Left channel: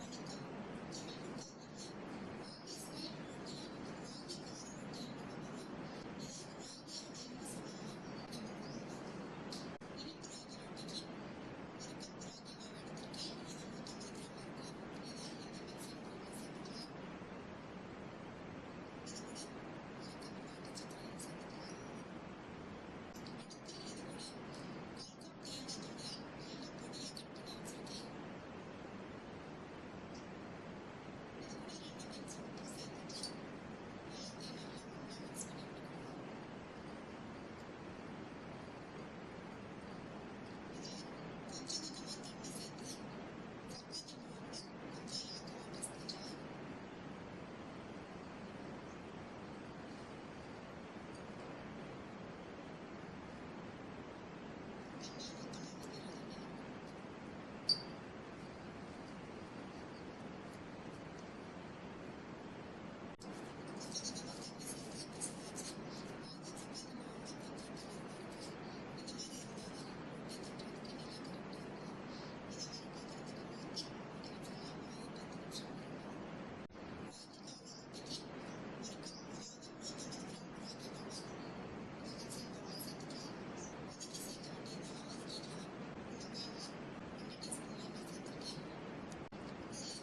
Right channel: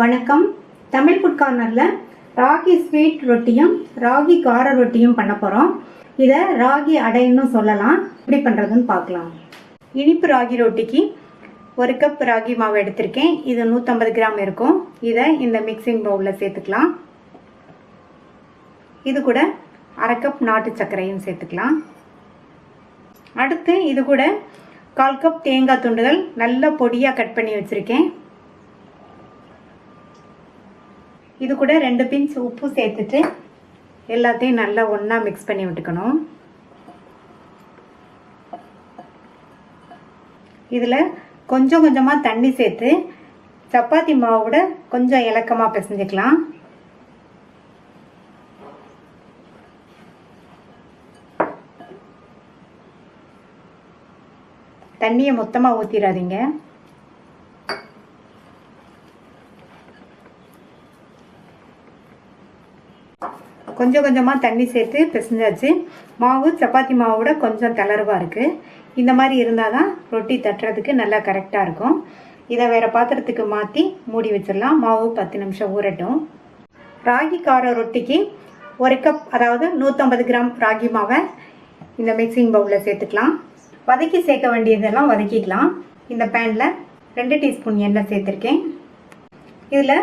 வணக்கம். தமிழ் ஃபுட் கார்னரில் ராகி ஸ்வீட் ரொட்டியும் ராகி கார ரொட்டியும் பண்ண போகிறோம். இதை ராகி அடைன்னு சொல்லலாம். எப்படி பண்ணுறதுன்னு பார்க்கலாம். இனிப்பு ராகி ரொட்டிக்கு 1 கப் ராகி மாவு எடுத்திருக்கேன். இது 150 கிராம் இருக்கும். இதை இந்த மிக்சிங் பவுலில் சேர்த்துக்கலாம். இது கூட 1/2 கப் நாட்டு சர்க்கரையும் சேர்த்துக்கலாம். அடுத்து இது கூட 1/4 கப் தேங்காய் துண்டுகள் நல்ல பொடியாக கட் பண்ணி வச்சுருக்கேன். இது கூட 2 பிஞ்ச் உப்பு சேர்த்துட்டு எல்லாத்தையும் நல்லா ஒன்றா மிக்ஸ் பண்ணி விட்டுக்கணும். இதில் கொஞ்சம் கொஞ்சமாக தண்ணி சேர்த்து சப்பாத்தி மாவோட கொஞ்சம் இலக்கமாக பிசைஞ்சிக்கலாம். தண்ணியை மொத்தமாக ஊற்றிடாதீங்க. கொஞ்சம் கொஞ்சமாக தண்ணி சேர்த்து பிசைஞ்சாச்சு. மாவு சப்பாத்தி மாவோட கொஞ்சம் தளர்வாக இருக்குது. இந்த மாதிரி இருந்தால் தான் ரொட்டி தட்டுறதுக்கு நல்லா கரெக்டாக இருக்கும். இதை வேறு பாத்திரத்துக்கு மாற்றி மூடி வச்சிடலாம். மாவு 10 நிமிஷம் ஊறட்டும். ராகி கார ரொட்டிக்கு 1 கப், அதாவது 150 கிராம் ராகி மாவை இந்த மிக்சிங் பவுலில் சேர்த்துக்கலாம். வதக்கி சேர்க்க வேண்டியதெல்லாம் வதக்கிக்கலாம். இந்த பேனில் 2 டீஸ்பூன் எண்ணெய் சேர்த்துருக்கேன். இதில்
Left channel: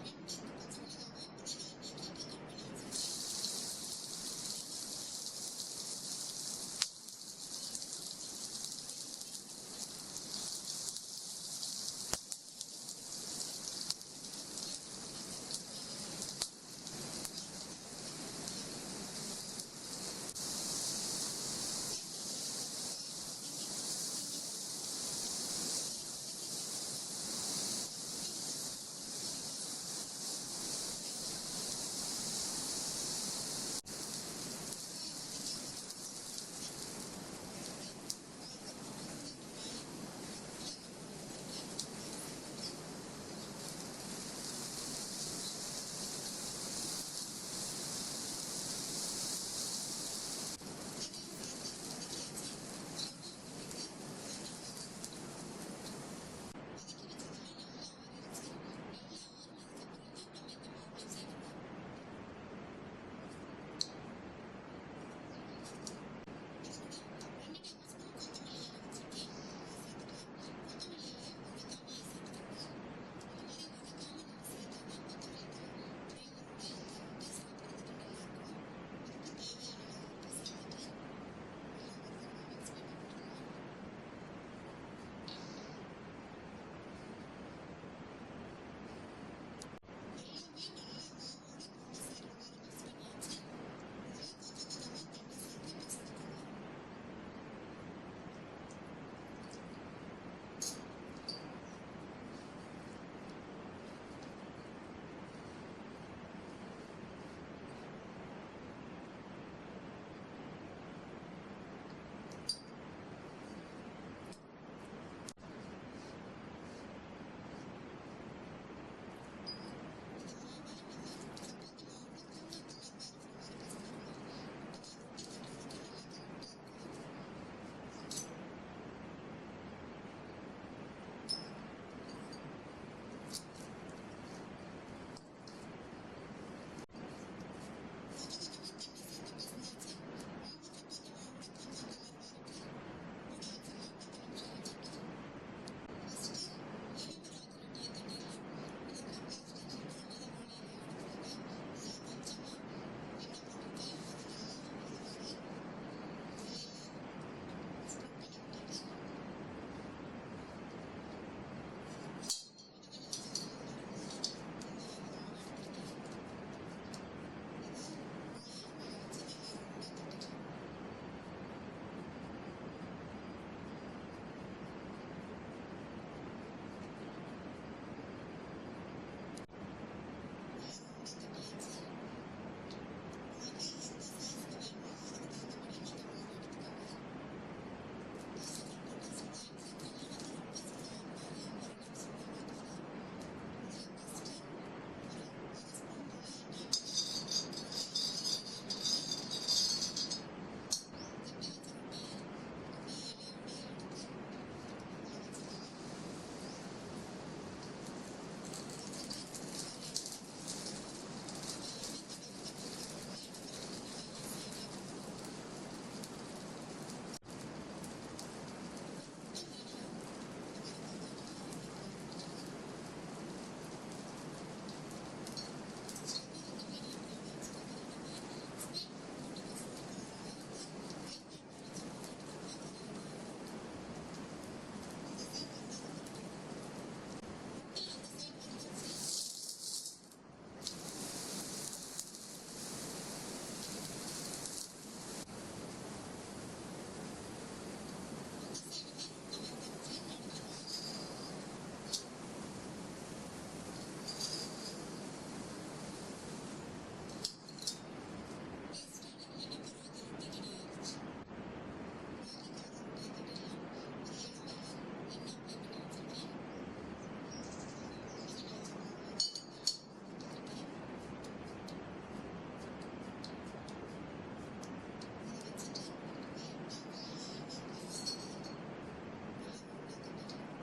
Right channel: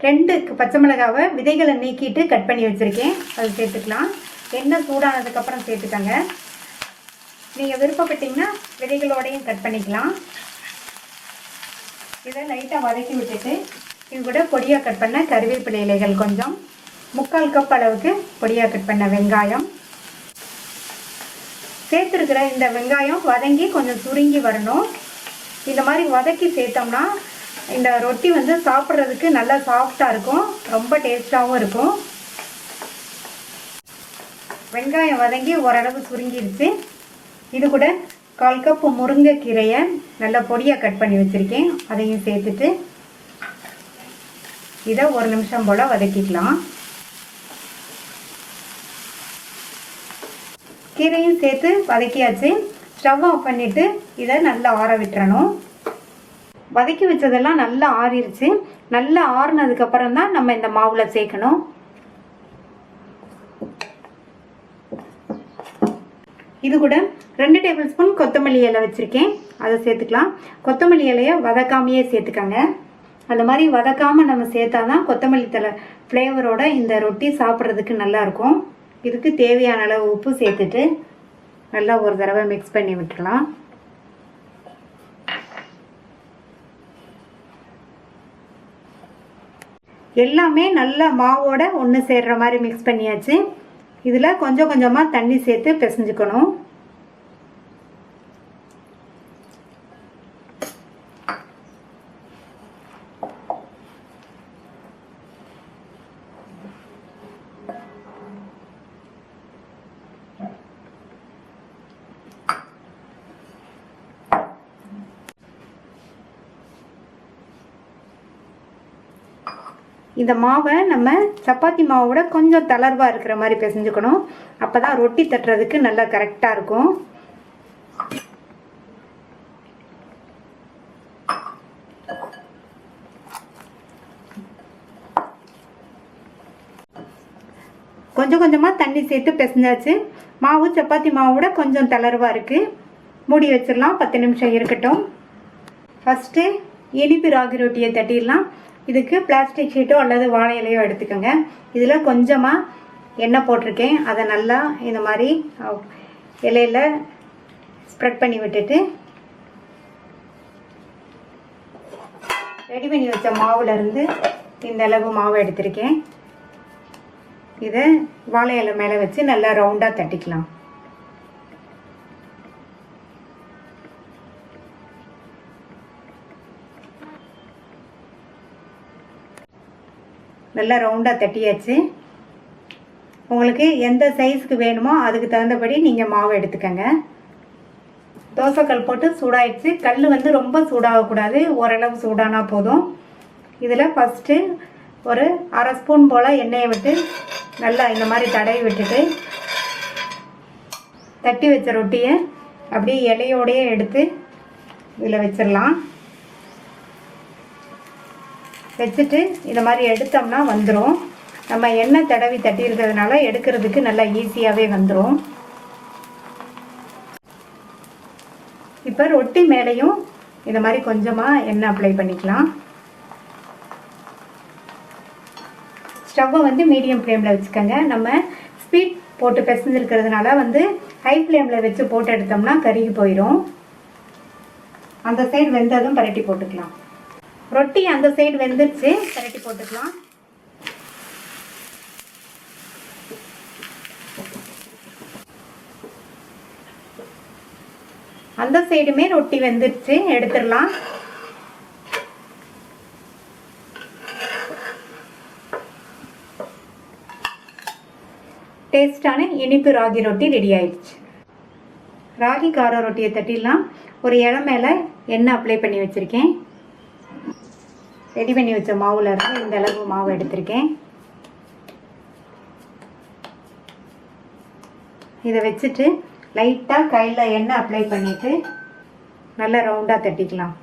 2 பச்சை மிளகாவை விதைகளை நீக்கிட்டு கட் பண்ணி வச்சுருக்கேன். அது சேர்த்துக்கலாம். எண்ணெய் சூடானதுக்கப்புறம் சேர்த்துக்கங்க. நீங்கள் விருப்பப்பட்டீங்கன்னா விதைகளோடையும் கட் பண்ணிக்கலாம். இதை லைட்டாக வதக்கி விட்டுட்டு இது கூட பொடியாக கட் பண்ண கருவேப்பிலை இலைகள் கொஞ்சம், 3/4 கப் அளவுக்கு பொடியாக கட் பண்ண வெங்காயம் சேர்த்துருக்கிற. இந்த வெங்காயம் வதங்கி கொஞ்சம் சுருங்கி வரணும். இந்த மாதிரி வதக்கி சேர்த்தோம்னா இந்த ரொட்டி வந்து சாப்பிட்றதுக்கு நல்லா சாஃப்டாக இருக்கும், ரொம்ப டேஸ்ட்டாகவும் இருக்கும். வெங்காயம் வதங்கி ஓரளவு சுருங்கிடுச்சு. இது கூட 1/4 கப் முருங்கைக்கீரையை நல்லா பொடியாக கட் பண்ணி வச்சுருக்கேன். அதையும் சேர்த்துட்டு இதை 1 நிமிஷம் போல் வதக்கிக்கலாம். கீரையும் சேர்த்து வதக்கியாச்சு. ஸ்டவ் ஆஃப் பண்ணிவிட்டு இதை நல்லா ஆற விட்டுறணும். வதக்கி வச்சதெல்லாம் நல்லா ஆறிடுச்சு. நல்லா ஆறுனதுக்கப்புறம் தான் நம்ம இந்த மாவில் சேர்க்கணும். இது கூட 2 டேபிள் ஸ்பூன் கொத்தமல்லி இலை வச்சுருக்கேன். அதை சேர்த்துக்கலாம். கொத்தமல்லி இலையை வதக்காமையே சேர்த்துக்கங்க. அந்த மாதிரி வதக்காமல் நம்ம சேர்த்தா தான் கொத்தமல்லி தழை ஃப்ளேவரோட இந்த ரொட்டி சாப்பிட்றதுக்கு நல்லாயிருக்கும். இதுக்கு தேவையான அளவு உப்பு சேர்த்துட்டு நல்லா ஒரு தடவை மிக்ஸ் பண்ணி விட்டுடலாம். எல்லாமே நல்லா மாவோட ஒன்று சேர்ற மாதிரி மிக்ஸ் பண்ணியாச்சு. இதில் கொஞ்சம் கொஞ்சமாக தண்ணி சேர்த்து பிசைஞ்சுக்கணும். இந்த மாவை நம்ம சப்பாத்தி மாவோட கொஞ்சம் தளர்வாக இருக்கிற மாதிரி பிசைஞ்சுக்கணும். அப்போ தான் ரொட்டி தட்டுறதுக்கு நல்லா கரெக்டாக இருக்கும். கொஞ்சம் கொஞ்சமாக தண்ணி சேர்த்து பிசைஞ்சாச்சு. மாவு சப்பாத்தி மாவோட கொஞ்சம் தளர்வாக இருக்குது. மூடி வச்சிடலாம். 10 நிமிஷம் இருக்கட்டும். ஃபஸ்ட்டு இனிப்பு ராகி ரொட்டியை தட்டிடலாம். இதுக்கு பிளாஸ்டிக் ஷீட்டோ அல்லது வாழை இலையோ எடுத்துக்கோங்க. இதில் கொஞ்சமாக எண்ணெய் போட்டிருக்கேன். அதை நல்லா இந்த மாதிரி இலையில் ஸ்ப்ரெட் பண்ணி விட்டுட்டு ரெடி பண்ணி வச்ச மாவுலேருந்து இந்த அளவு மாவு எடுத்திருக்கேன். இதை வாழை இலை மேலே வச்சு நல்லா ரவுண்டாக தட்டிக்கலாம். நல்லா ரவுண்டாக தட்டியாச்சு. உங்களுக்கு எந்த சைஸுக்கு வேணுமோ அதுக்கு தகுந்தபடி நீங்கள் மாவு எடுத்துக்கங்க. தோசைக்கல் போட்டு சூடாயிடுச்சு. கல் வந்து ரொம்ப சூடாகக்கூடாது, ஓரளவு சூடானா போதும். இதில் ஃபஸ்ட்டு ஒரு 1/2 ஸ்பூன் போல் எண்ணெயை விட்டு நல்லா இந்த மாதிரி தடவி விட்டுட்டு தட்டி வச்ச ரொட்டியை அப்படியே இலையோடையே எடுத்து இதில் வச்சிடலாம். வச்சுட்டு இந்த மாதிரி எடுத்தோம்னா வந்துடும். நம்ம எண்ணெய் தடவி தட்டி இருக்கிறதுனால எடுக்கிறதுக்கு நல்லா ஈஸியாகவே வந்துடும். இப்போ ரொட்டி மேலேயும் இந்த மாதிரி கொஞ்சமாக எண்ணெய் அப்ளை பண்ணிக்கலாம். ஸ்டவ்வை வந்து மீடியம் ஃப்ளேமில் வச்சுக்கோங்க. நம்ம ஸ்பீட் போட்டு பிசைஞ்சிருக்கிறதுனால வந்து ஹை ஃப்ளேமில் வச்சு போட்டு எடுத்தோம்னா கருகி போயிடும். அந்த சைடு வெந்ததும் பரட்டி போட்டுக்கலாம். ரொட்டி அந்த சைடு வெந்துருச்சு, பரட்டி போட்டுக்கலாம். அந்த சைடுமே ரொட்டி வெந்துருச்சு, எடுத்துடலாம். டேஸ்டான இனிப்பு ராகி ரொட்டி ரெடி ஆயிடுச்சு. ராகி கார ரொட்டியை தட்டிடலாம். ஒரு இலை மேலே எண்ணெய் அப்ளை பண்ணி வச்சுருக்கேன். ரெடி பண்ணி வச்ச மாவில் இருந்து இந்த அளவு மாவு எடுத்திருக்கேன். இதை வச்சுட்டு லைட்டாக கையில் எண்ணெய் அப்ளை பண்ணிவிட்டு நல்லா ரவுண்டாக தட்டிக்கலாம்.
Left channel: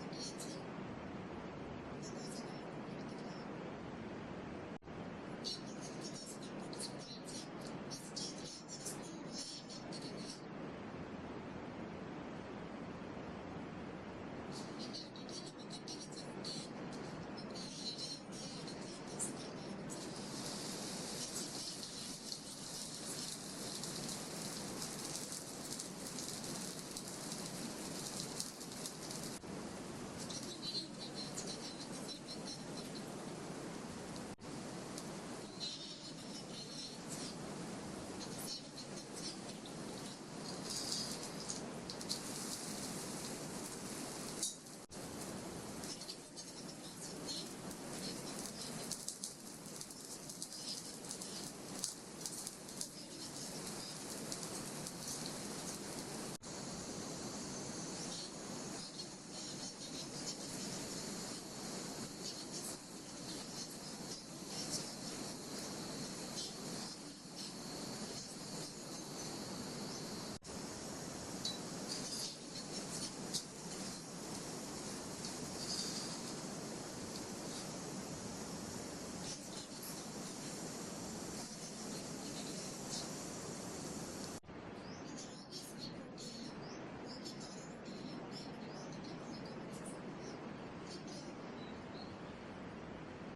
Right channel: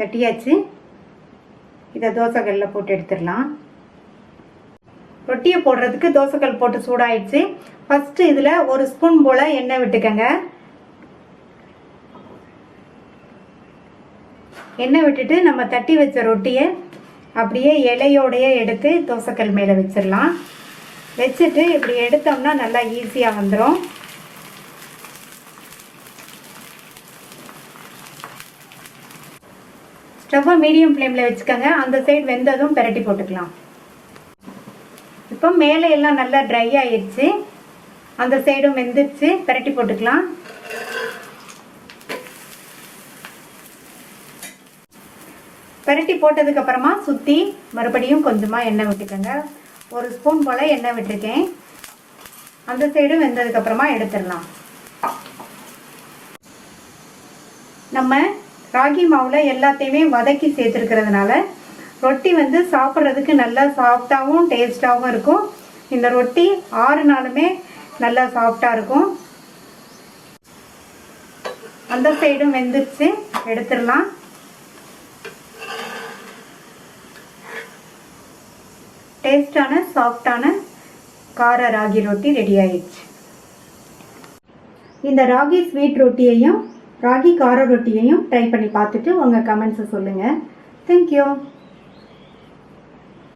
தட்டியாச்சு. இதை தோசைக்கல்லில் போட்டு எடுத்துடலாம். ரொட்டியை போடுறதுக்கு தோசைக்கல் போட்டு சூடாயிடுச்சு. ஃபஸ்ட்டு இதில் ஒரு ஸ்பூன் போல் எண்ணெய் விட்டுக்கங்க. எண்ணெய் விட்டுட்டு நம்ம தட்டி வச்ச ரொட்டியை அப்படியே இலையோடையே எடுத்து தோசைக்கல் மேலே வச்சிடலாம். வச்சுட்டு இப்படி எடுத்தோம்னா நல்லா ஈஸியாக வந்துடும். ஸ்டவ்வை மீடியம் ஃப்ளேமில் வச்சுக்கோங்க. அந்த சைடு வெந்ததும் பரட்டி போட்டுக்கலாம். இப்போ மேலே எல்லாம் நல்லா ட்ரை ஆயிடுச்சு, அந்த சைடும் வெந்துருச்சு, பரட்டி போட்டுக்கலாம். பரட்டி போட்டதுக்கப்புறமா சுற்றி மறுபடியும் கொஞ்சமாக எண்ணெய் விட்டுக்கோங்க. ஒரு ஸ்பூன் போல் எண்ணெய் விட்டுருக்கேன். அந்த சைடும் வெந்ததுக்கப்புறமா எடுத்துடலாம். நம்ம ராகி மாவில் எல்லாத்தையுமே வதக்கி சேர்த்துருக்கிறதுனால ரொட்டி வந்து சாப்பிட்றதுக்கு நல்லா சாஃப்டாகவும் டேஸ்ட்டாகவும் இருக்கும். இந்த ரொட்டி 6 நாளுமே நல்லா சாஃப்டாக இருக்கும். அந்த சைடும் வெந்துருச்சு, எடுத்துடலாம். டேஸ்டான சாஃப்டான கார ராகி ரொட்டி ரெடி ஆயிடுச்சு. இந்த ராகி ஸ்வீட் ரொட்டியையும் ராகி கார ரொட்டியையும் ட்ரை பண்ணி பார்த்துட்டு உங்கள் கமெண்ட்ஸை சொல்லுங்கள். தேங்க்யூ.